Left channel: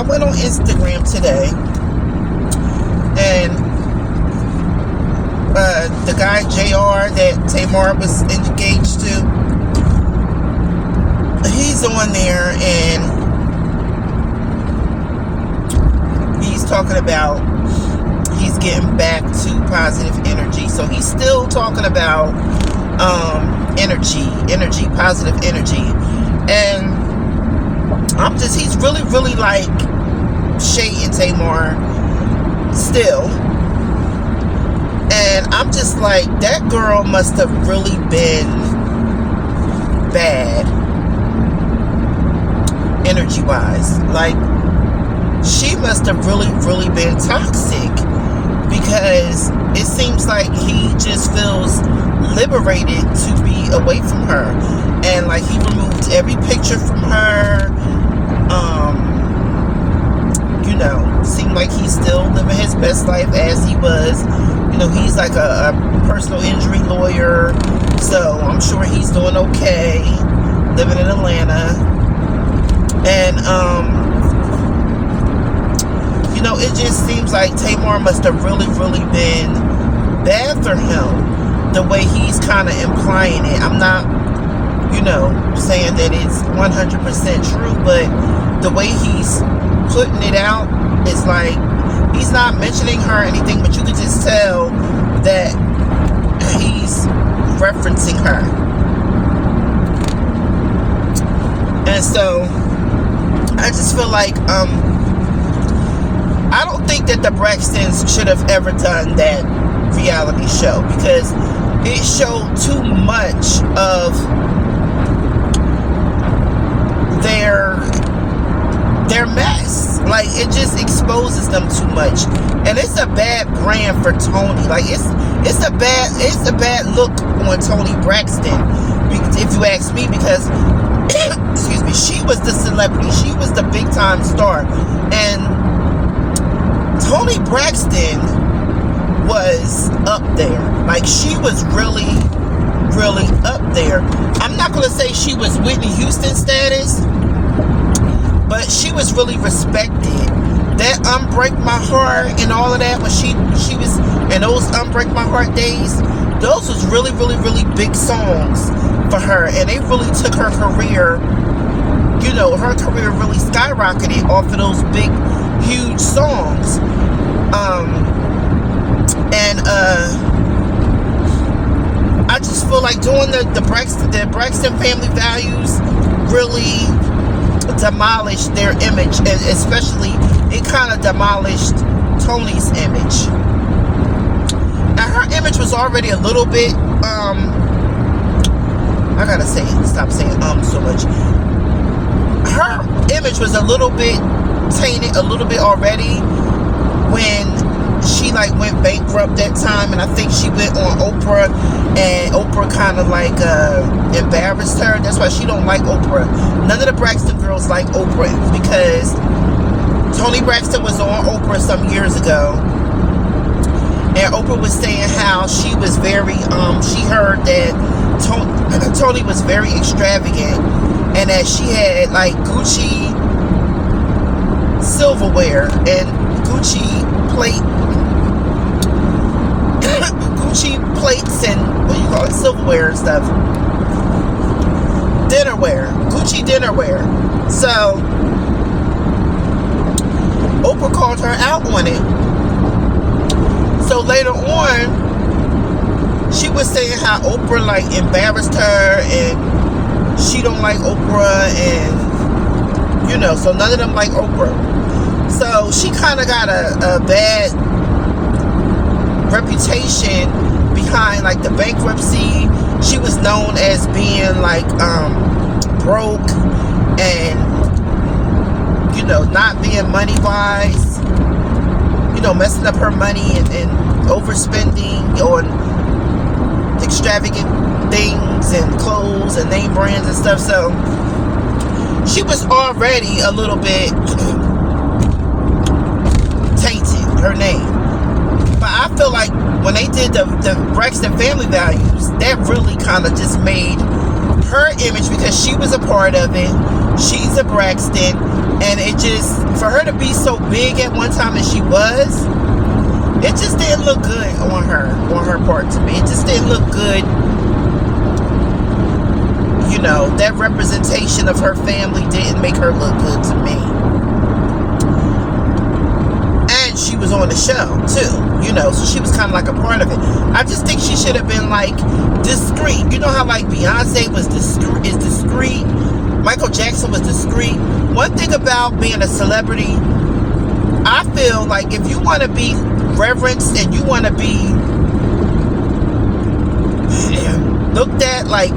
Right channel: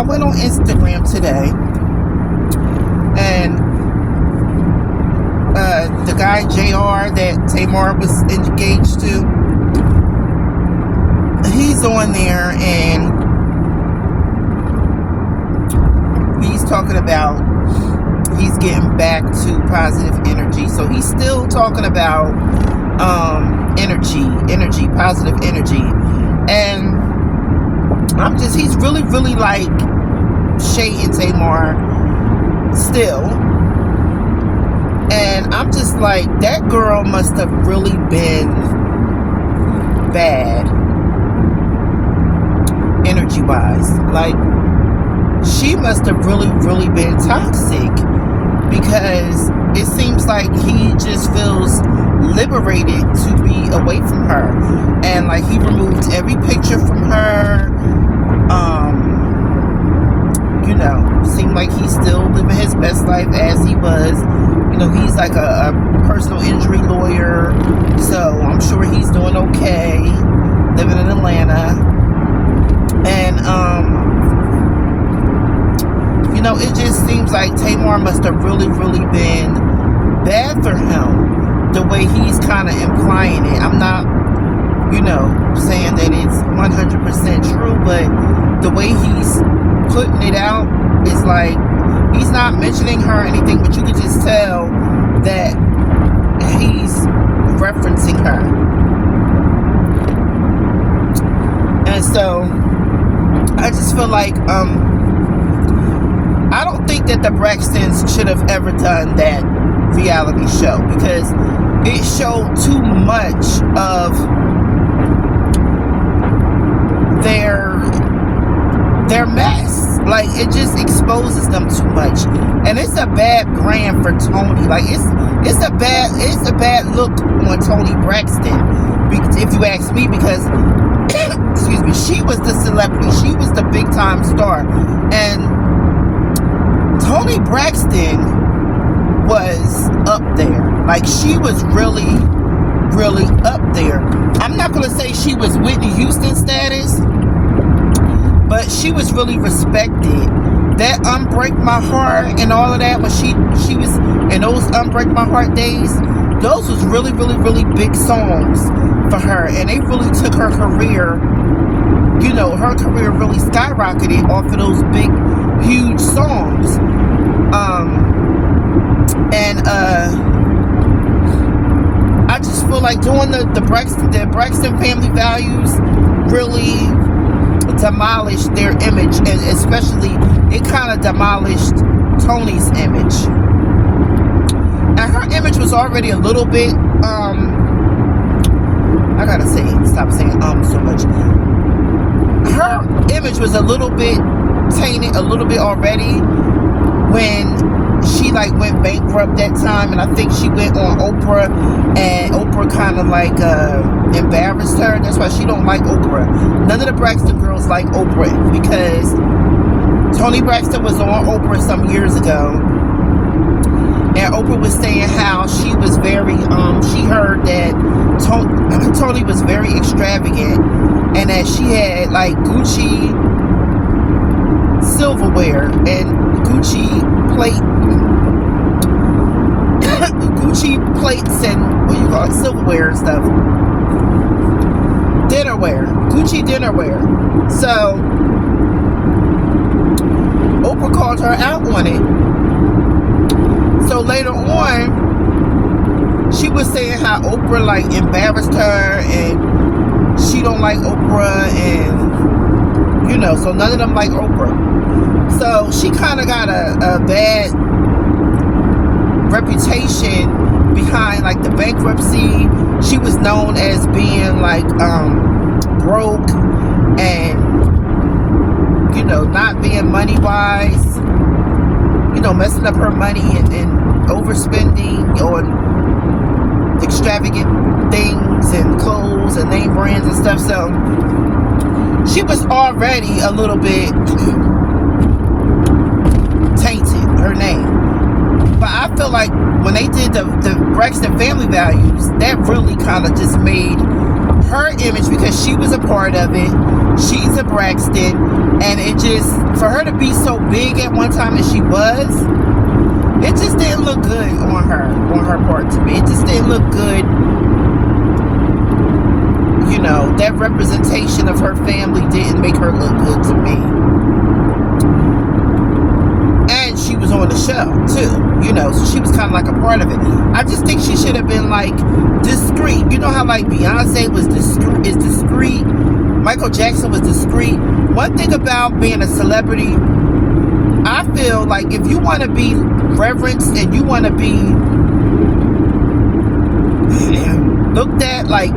I went on Instagram today, and the guy JR that Tamar was engaged to, he's on there, and he's talking about he's getting back to positive energy. So he's still talking about energy, positive energy. And he's really like shading Tamar still. And I'm just like, that girl must have really been bad energy wise. Like, she must have really been toxic, because it seems like he just feels liberated to be away from her. And like, he removed every picture from her. You know, seemed like he's still living his best life as he was. You know, he's like a personal injury lawyer, so I'm sure he's doing okay living in Atlanta. And you know, it just seems like Tamar must have really been bad for him, the way he's kind of implying it. I'm not, you know, saying that it's 100% true, but the way he's putting it out is like, he's not mentioning her or anything, but you can just tell that he's referencing her. And so I just feel like I don't think that the Braxtons should have ever done that reality show, because it showed too much of their mess. Like, it just exposes them too much, and it's a bad brand for Toni. Like, it's a bad look on Toni Braxton, if you ask me, because excuse me, she was the celebrity, she was the big time star, and Toni Braxton was up there. Like, she was really up there. I'm not gonna say she was Whitney Houston status, but she was really respected. That Unbreak My Heart and all of that, when she was in those Unbreak My Heart days, those was really big songs for her, and they really took her career, you know, her career really skyrocketed off of those big, huge songs. I just feel like doing the Braxton family values really demolished their image, and especially it kind of demolished Toni's image. And her image was already a little bit I gotta stop saying so much. Her image was a little bit tainted a little bit already when she like went bankrupt that time, and I think she went on Oprah, and Oprah kind of like embarrassed her. That's why she don't like Oprah. None of the Braxton girls like Oprah, because Toni Braxton was on Oprah some years ago, and Oprah was saying how she was very she heard that Toni was very extravagant, and that she had like Gucci silverware and Gucci plates and what do you call it, silverware and stuff, Gucci dinnerware. So Oprah called her out on it. So later on, she was saying how Oprah like embarrassed her, and she don't like Oprah, and you know, so none of them like Oprah. So she kind of got a bad reputation behind like the bankruptcy. She was known as being like broke, and you know, not being money wise, you know, messing up her money and overspending on extravagant things and clothes and name brands and stuff. So she was already a little bit tainted, her name. But I feel like when they did the Braxton family values, that really kind of just made her image, because she was a part of it, she's a Braxton, and it just, for her to be so big at one time as she was, it just didn't look good on her part to me. It just didn't look good. You know, that representation of her family didn't make her look good to me. And she was on the show too, you know, so she was kind of like a part of it. I just think she should have been like discreet. You know how like Beyonce was is discreet, Michael Jackson was discreet. One thing about being a celebrity, I feel like if you want to be reverenced and you want to be looked at like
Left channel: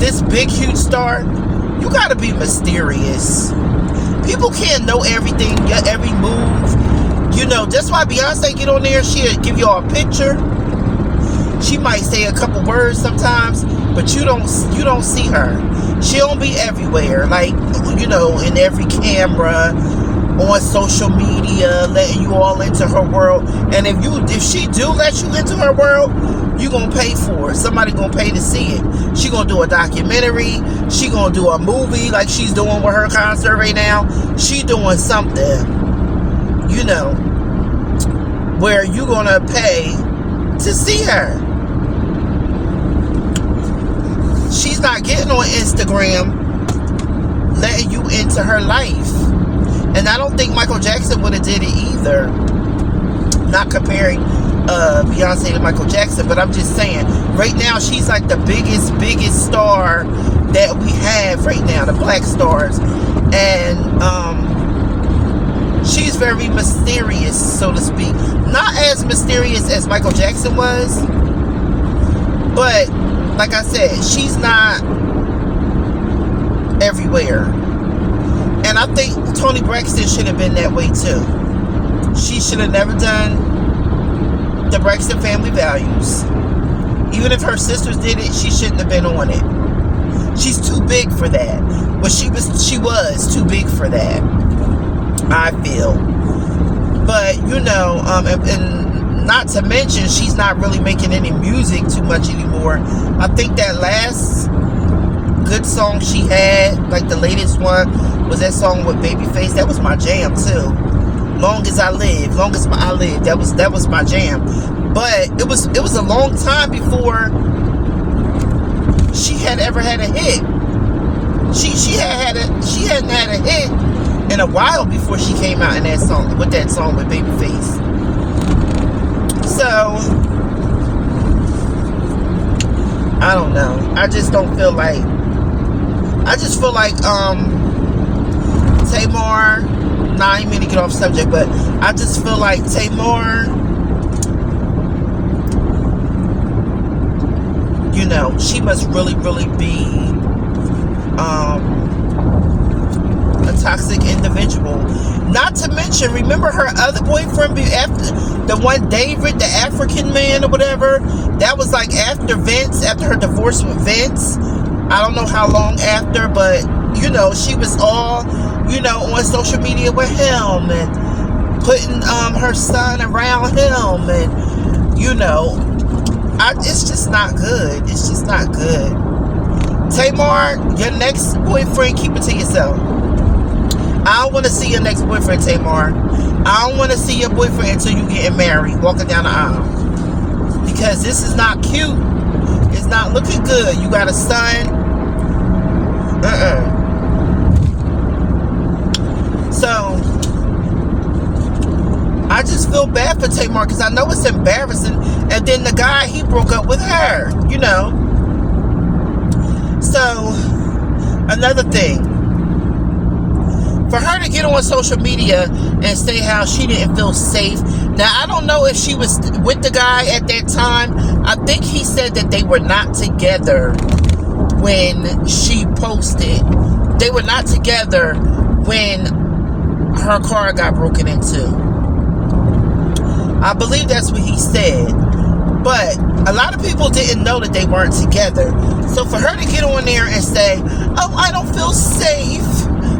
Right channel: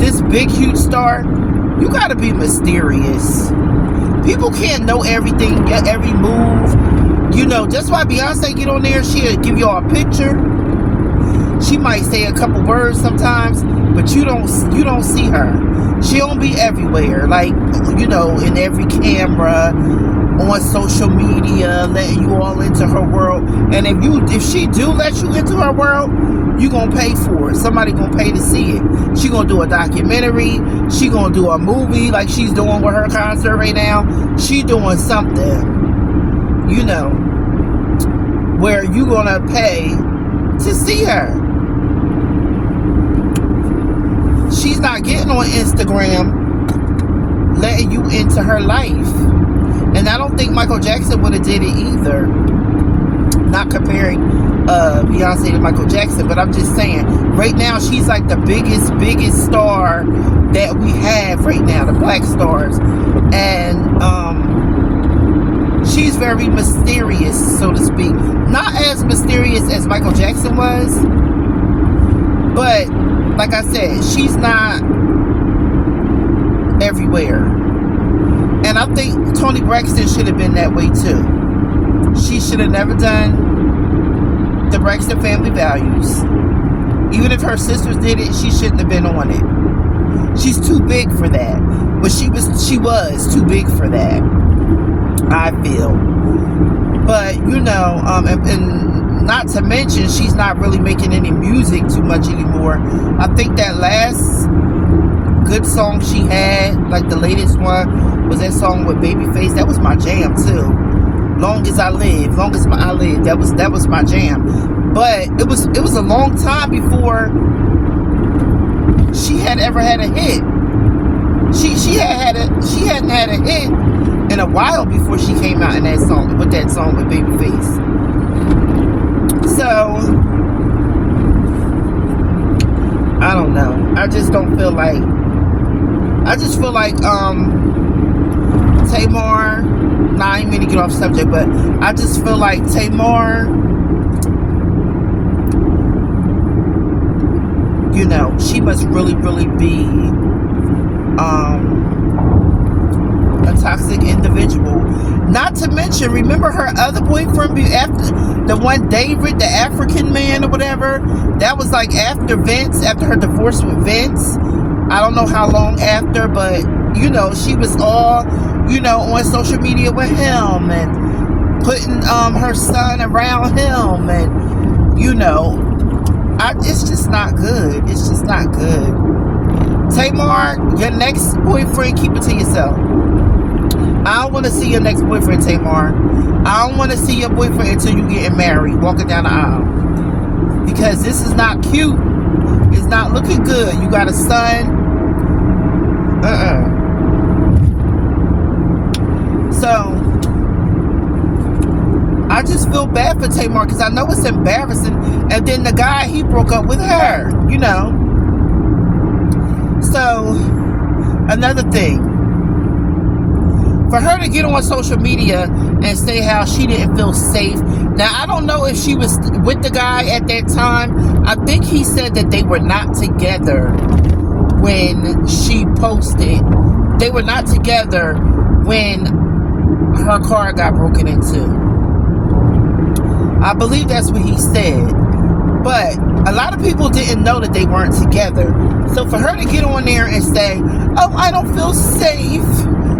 this big huge star, you got to be mysterious. People can't know everything, every move. You know, that's why Beyonce get on there, she'll give you all a picture. She might say a couple words sometimes, but you don't see her. She don't be everywhere, like, you know, in every camera, on social media, letting you all into her world. And if she do let you into her world, you gonna pay for it. Somebody gonna pay to see it. She gonna do a documentary. She gonna do a movie like she's doing with her concert right now. She doing something, you know, where you gonna pay to see her. She's not getting on Instagram letting you into her life. And I don't think Michael Jackson would have did it either. Not comparing Beyonce to Michael Jackson, but I'm just saying, right now she's like the biggest star that we have right now, the black stars. And she's very mysterious, so to speak. Not as mysterious as Michael Jackson was, but like I said, she's not everywhere. And I think Toni Braxton should have been that way too. She should have never done the Braxton family values. Even if her sisters did it, she shouldn't have been on it. She's too big for that. But she was too big for that, I feel. But, you know, and not to mention, she's not really making any music too much anymore. I think that last good song she had, like the latest one, was that song with Babyface. That was my jam too. Long as I live, that was my jam. But it was a long time before she had ever had a hit. She hadn't had a hit in a while before she came out in that song with Babyface. So I don't know. I just feel like Tamar, nah, I ain't mean to get off subject, but I just feel like Tamar, you know, she must really be a toxic individual. Not to mention, remember her other boyfriend after the one David, the African man or whatever, that was like after her divorce with Vince. I don't know how long after, but you know, she was all, you know, on social media with him and putting her son around him, and you know, it's just not good. It's just not good. Tamar, your next boyfriend, keep it to yourself. I don't want to see your next boyfriend, Tamar. I don't want to see your boyfriend until you getting married, walking down the aisle, because this is not cute. It's not looking good. You got a son. So I just feel bad for Tamar, because I know it's embarrassing. And then the guy, he broke up with her, you know. So another thing, for her to get on social media and say how she didn't feel safe. Now, I don't know if she was with the guy at that time. I think he said that they were not together when she posted. They were not together when her car got broken into. I believe that's what he said. But a lot of people didn't know that they weren't together. So for her to get on there and say, oh, I don't feel safe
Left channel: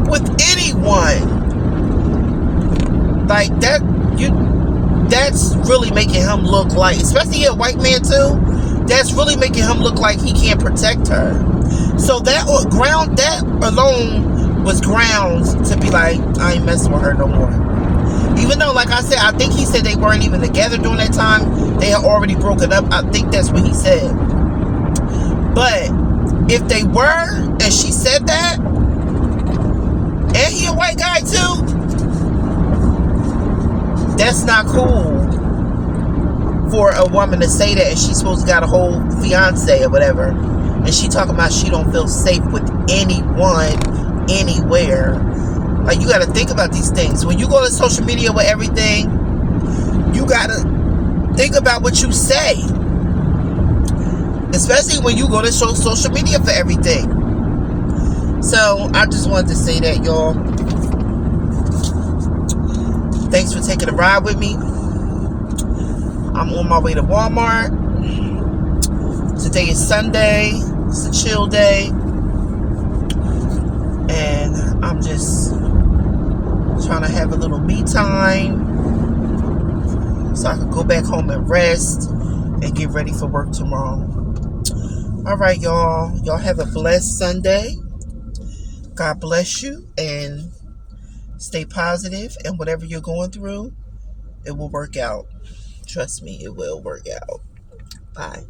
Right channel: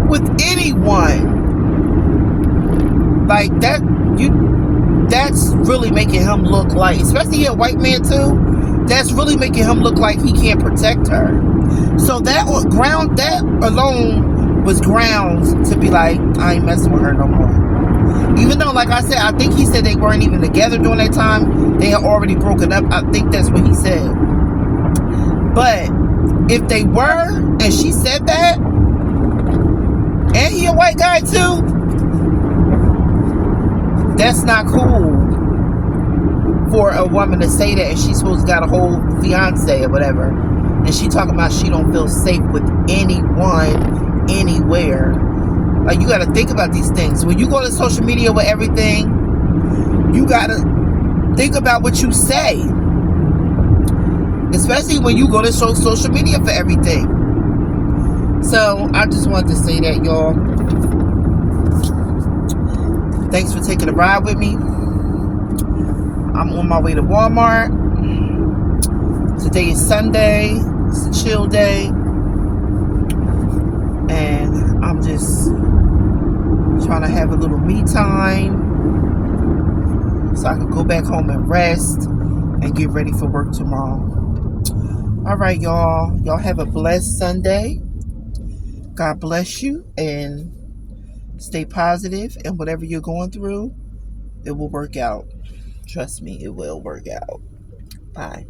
with anyone, like that, that's really making him look like, especially a white man too, that's really making him look like he can't protect her. So that alone was grounds to be like, I ain't messing with her no more. Even though, like I said, I think he said they weren't even together during that time. They had already broken up. I think that's what he said. But if they were, and she said that, and he a white guy too, that's not cool for a woman to say that, and she's supposed to got a whole fiance or whatever, and she talking about she don't feel safe with anyone, anywhere. Like, you got to think about these things. When you go to social media with everything, you got to think about what you say. Especially when you go to social media for everything. So, I just wanted to say that, y'all. Thanks for taking a ride with me. I'm on my way to Walmart. Today is Sunday. It's a chill day. And I'm just trying to have a little me time so I can go back home and rest and get ready for work tomorrow. Alright, y'all. Y'all have a blessed Sunday. God bless you, and stay positive, and whatever you're going through, it will work out. Trust me, it will work out. Bye.